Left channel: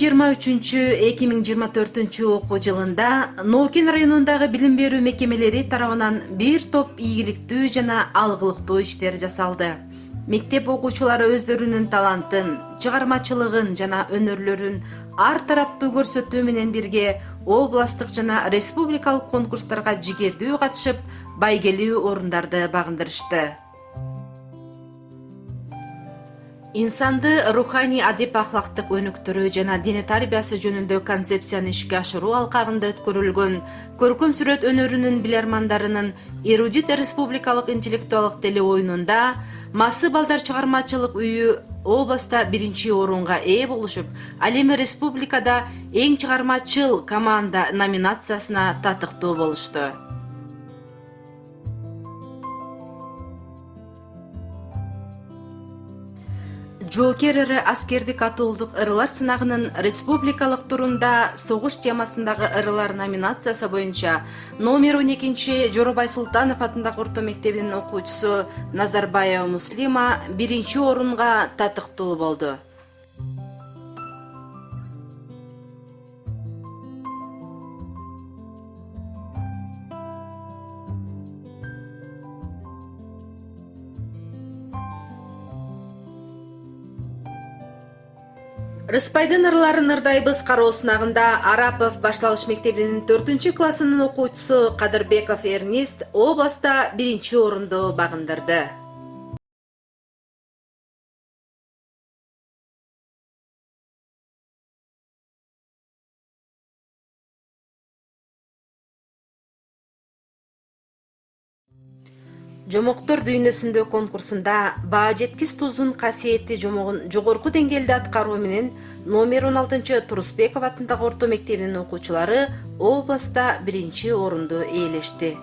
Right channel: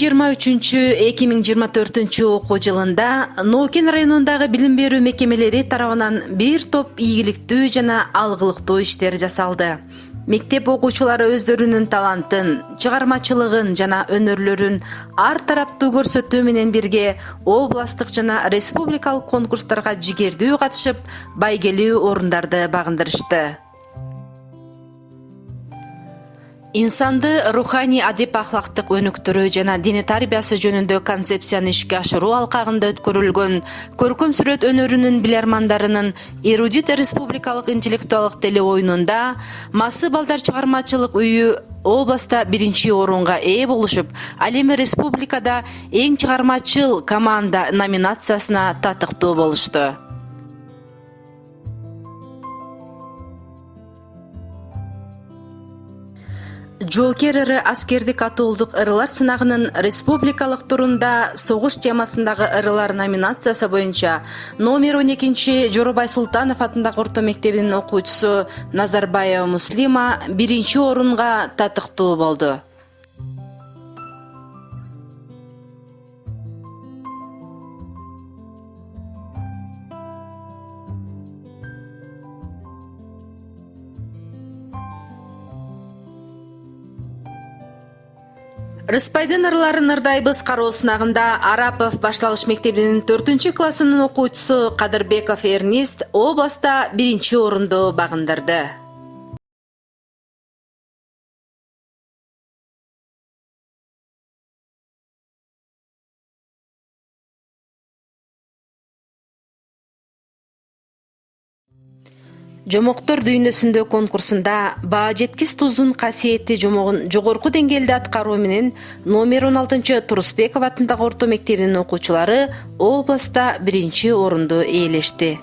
2023-2024 окуу жылында Нокен районундагы билим берүү мекемелери тарабынан бир топ ийгиликтүү жана алгылыктуу иштер жасалды. Мектеп окуучулары өздөрүнүн талантын, чыгармачылыгын жана өнөрлөрүн ар тараптуу көрсөтүү менен бирге областтык жана республикалык конкурстарга жигердүү катышып, байгелүү орундарды багындырышты. Инсанды руханий адеп ахлактык өнүктүрүү жана дине тарбиясы жөнүндө концепцияны ишке ашыруу алкагында өткөрүлгөн көркөм сүрөт өнөрүнүн билермандарынын эрудит республикалык интеллектуалдык теле оюнунда Масы балдар чыгармачылык үйү областта биринчи орунга ээ болушуп, ал эми республикада эң чыгармачыл команда номинациясына татыктуу болушту. Жоокер ыры аскердик атуулдук ырылар сынагынын республикалык турунда согуш темасындагы ырылар номинациясы боюнча номер 12 Жоробай Султанов атындагы орто мектебинин окуучусу Назарбаева Муслима биринчи орунга татыктуу болду. Рыспайдын ырларын ырдайбыз кароо сынагында Арапов башталгыч мектебинин 4-классынын окуучусу Кадырбеков Эрнист областта биринчи орунду багындырды. Жомоктор дүйнөсүндө конкурсунда баа жеткис тузун касиетти жомогун жогорку деңгээлде аткаруу менен номер 16 Турусбеков атындагы орто мектебинин окуучулары областта биринчи орунду ээлешти.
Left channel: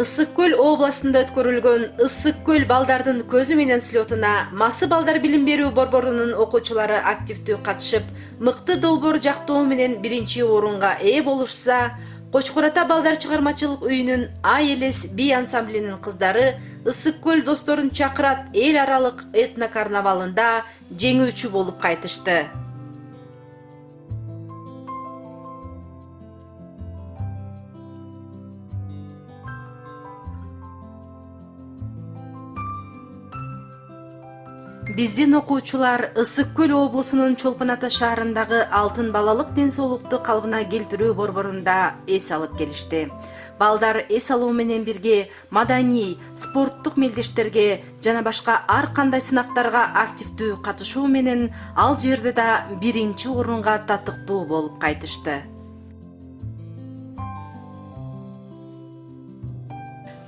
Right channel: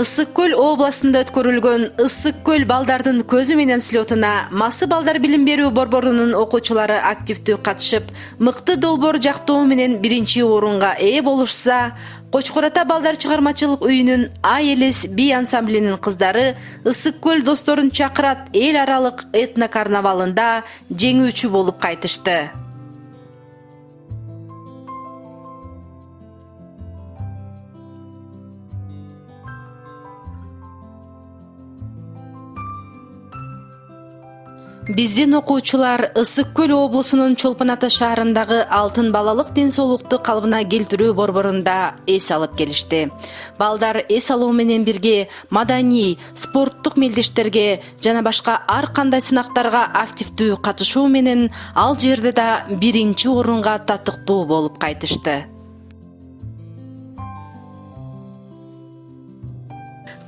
Ысык көл областында өткөрүлгөн Ысык көл балдардын көзү менен слетуна Масы балдар билим берүү борборунун окуучулары активдүү катышып, мыкты долбоор жактоо менен биринчи орунга ээ болушса, Кочкор ата балдар чыгармачылык үйүнүн Ай элес би ансамблинин кыздары Ысык көл досторун чакырат эл аралык этно карнавалында жеңүүчү болуп кайтышты. Биздин окуучулар Ысык көл облусунун Чолпон ата шаарындагы Алтын балалык ден соолукту калыбына келтирүү борборунда эс алып келишти. Балдар эс алуу менен бирге маданий, спорттук мелдештерге жана башка ар кандай сынактарга активдүү катышуу менен ал жерде да биринчи орунга татыктуу болуп кайтышты.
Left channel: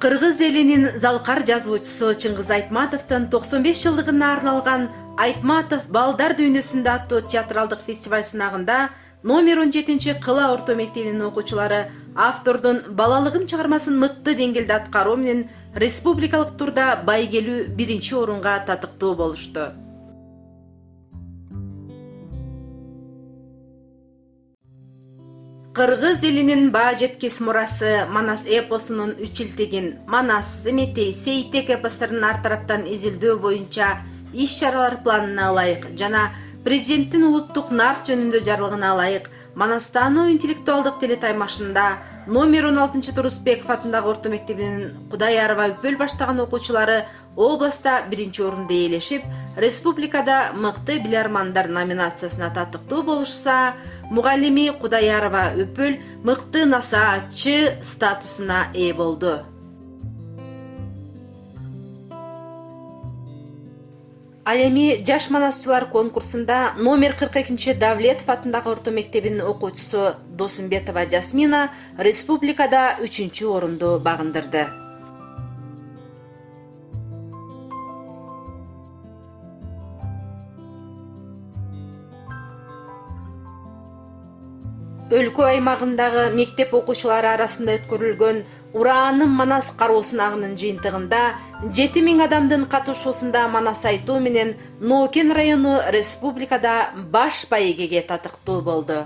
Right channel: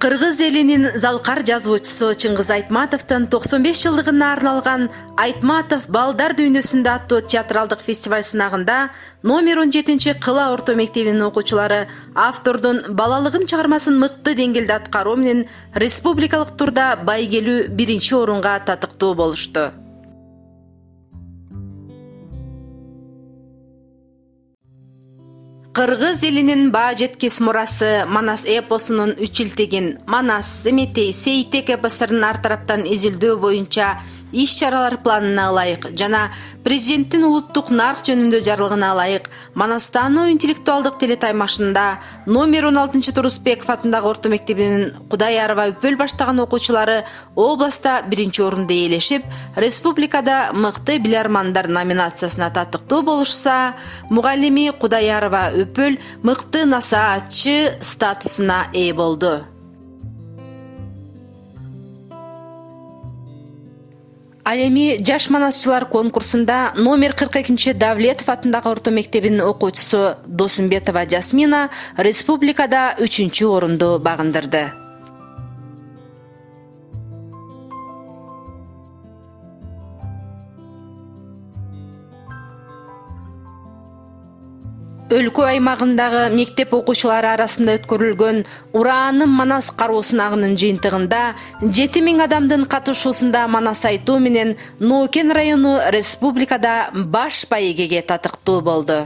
Кыргыз элинин залкар жазуучусу Чыңгыз Айтматовдун 95 жылдыгына арналган Айтматов балдар дүйнөсүндө аттуу театралдык фестиваль сынагында номер 17 Кыла орто мектебинин окуучулары автордун балалыгым чыгармасын мыкты деңгээлде аткаруу менен республикалык турда байгелүү биринчи орунга татыктуу болушту. Кыргыз элинин баа жеткис мурасы Манас эпосунун 3 илтигин Манас, Семетей, Сейтек эпосторунун ар тараптан изилдөө боюнча иш-чаралар планына ылайык жана президенттин улуттук нарк жөнүндө жарлыгына ылайык Манастануу интеллектуалдык телетаймашында номер 16 Турусбеков атындагы орто мектебинин Кудайарова Өпөл баштаган окуучулары областта биринчи орунду ээлешип, республикада мыкты билермандар номинациясына татыктуу болушса, мугалими Кудайарова Өпөл мыкты насаатчы статусуна ээ болду. Ал эми жаш манасчылар конкурсунда номер 42 Давлетов атындагы орто мектебинин окуучусу Досумбетова Жасмина республикада 3-чү орунду багындырды. Өлкө аймагындагы мектеп окуучулары арасында өткөрүлгөн Урааным Манас кароо сынагынын жыйынтыгында 7000 адамдын катышуусунда Манас айтуу менен Нокен району республикада баш байгеге татыктуу болду.